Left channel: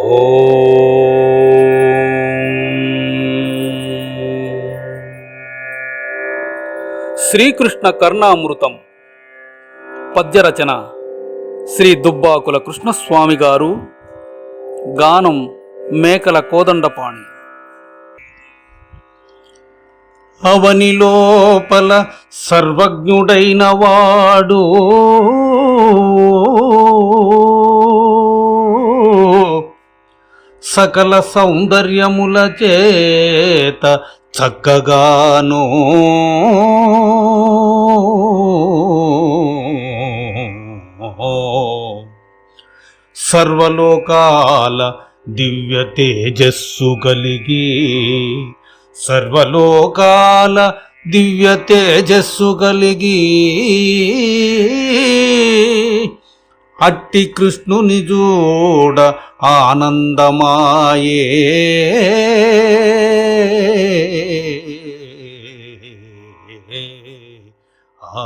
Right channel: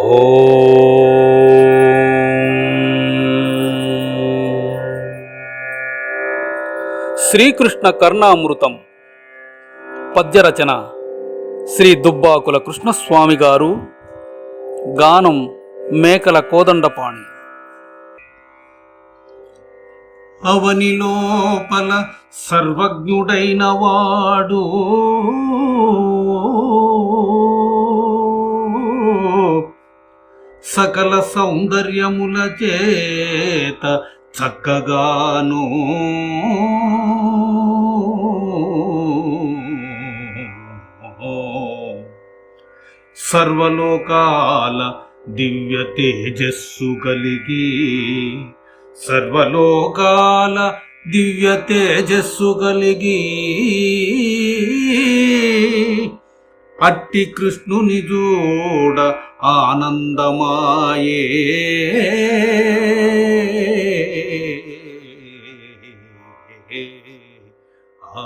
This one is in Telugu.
శ్రీకృష్ణ కర్ణామృతం. పద్యరచన శ్రీ దుబ్బాకుల కృష్ణస్వామి గారు. గానం మేకల కోదండపాణి. అవని లోపల సర్వజ్ఞుడైన వాడు సకల సౌందర్యముల చేత చక్కగాను. సర్వలోకాల దివ్య తేజస్సు కలిగి సర్వలోకాల దివ్య తేజస్సు కలిగి అట్టి కృష్ణుని చూడ ஆனந்தமாயே. ஆ